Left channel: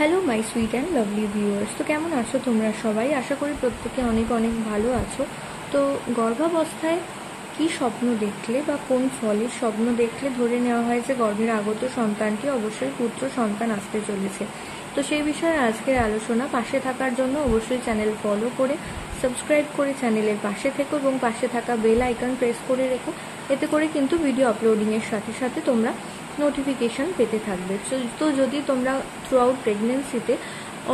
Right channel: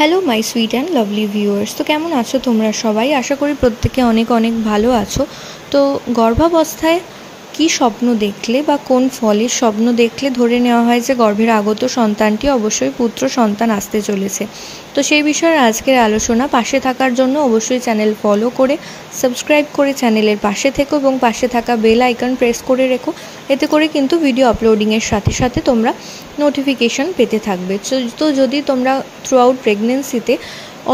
Hello my sweet and lovely viewers. তো কেমন আছো তোমরা সবাই? আশা করি প্রত্যেকে অনেক অনেক ভালো আছো। তো গর্ভাবস্থায় কী স্বপ্ন দেখলে বা কোন ফলের স্বপ্ন দেখলে ধরে নেওয়া হয় যে গর্ভের আগত সন্তানটি অবশ্যই পুত্র সন্তান আসতে চলেছে। তো সেই বিষয়ে আজকের আলোচনা। পাশে থাকার জন্য অবশ্যই চ্যানেল ফলো করে সাবস্ক্রাইব করে চ্যানেলের পাশে থেকো এবং পাশে থাকা বেল আইকন প্রেস করে রেখো। এতে করে কিন্তু ভিডিও আপলোডিংয়ের সাথে সাথে তোমরা নোটিফিকেশান পেতে থাকবে। তো যদি তোমরা থ্রু আউট প্রেগনেন্সিতে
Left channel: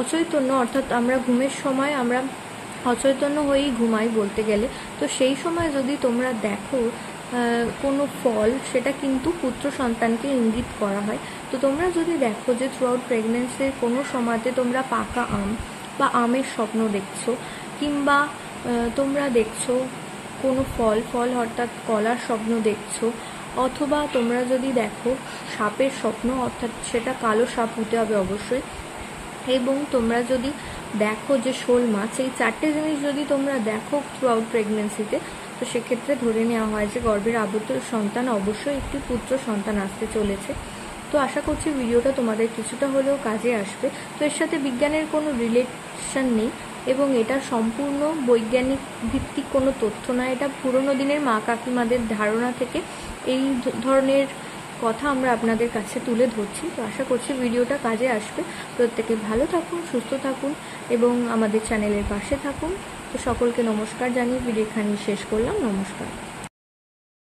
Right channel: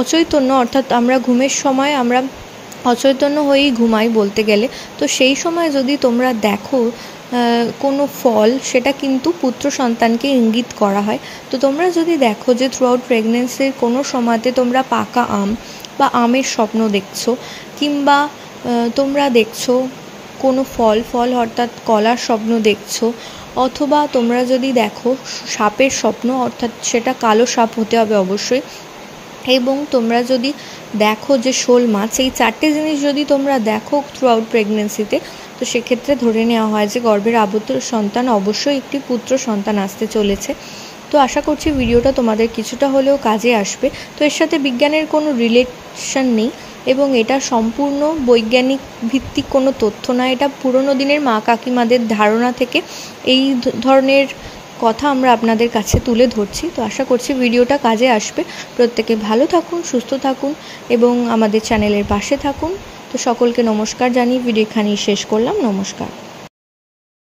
অচৈতন্য, অর্থাৎ আমরা ঘুমের সময় আমরা অচৈতন্য হয়েই ঘুমাই বলতে গেলে, তো সেই সময় যদি তোমরা দেখো কোনো ফল, সেটা কিন্তু পুত্র সন্তানকে ইঙ্গিত করা হয়। তো তোমরা যদি দেখো যে থ্রু আউট প্রেগনেন্সির কোনো সময়তে তোমরা পাকা আম বা আমের স্বপ্ন দেখছো, কিংবা তোমরা দেখছো কোনো ফল অর্থাৎ কলার স্বপ্ন দেখছো, অথবা তোমরা যদি দেখো সাপের স্বপ্ন, অর্থাৎ সেটা কালো সাপ হতে হবে অবশ্যই, এবং তোমরা যদি দেখো যে শোল মাছ, এই চারটে জিনিস যদি তোমরা দেখো থ্রু আউট প্রেগনেন্সিতে, তো সেক্ষেত্রে ধরে নেওয়া হয় যে গর্ভের আবদ্ধ সন্তান অবশ্যই একটি পুত্র সন্তান আসতে চলেছে। তো আশা করছি ভিডিওটা তোমাদের কিছুটা হলেও কাজে আসবে। তো এর সাথে বিজ্ঞানের কোনো রিলেশন নেই এবং এটা সম্পূর্ণ বৈজ্ঞানিক ভিত্তিক কোনো তথ্য না। এটা পুরনো দিনের মা কাকিমাদের ধারণা থেকে এই ধরনের কথা আমরা আপনাদের কাছে তুলে ধরছি। তো আশা করছি ভিডিওটা কাজে আসবে। প্রত্যেকে ভালো থাকুন, সুস্থ থাকুন এবং আমাদের চ্যানেলের পাশে থাকুন। তো সকলকে নমস্কার জানিয়ে ভিডিও এখানেই শেষ করলাম। নমস্কার।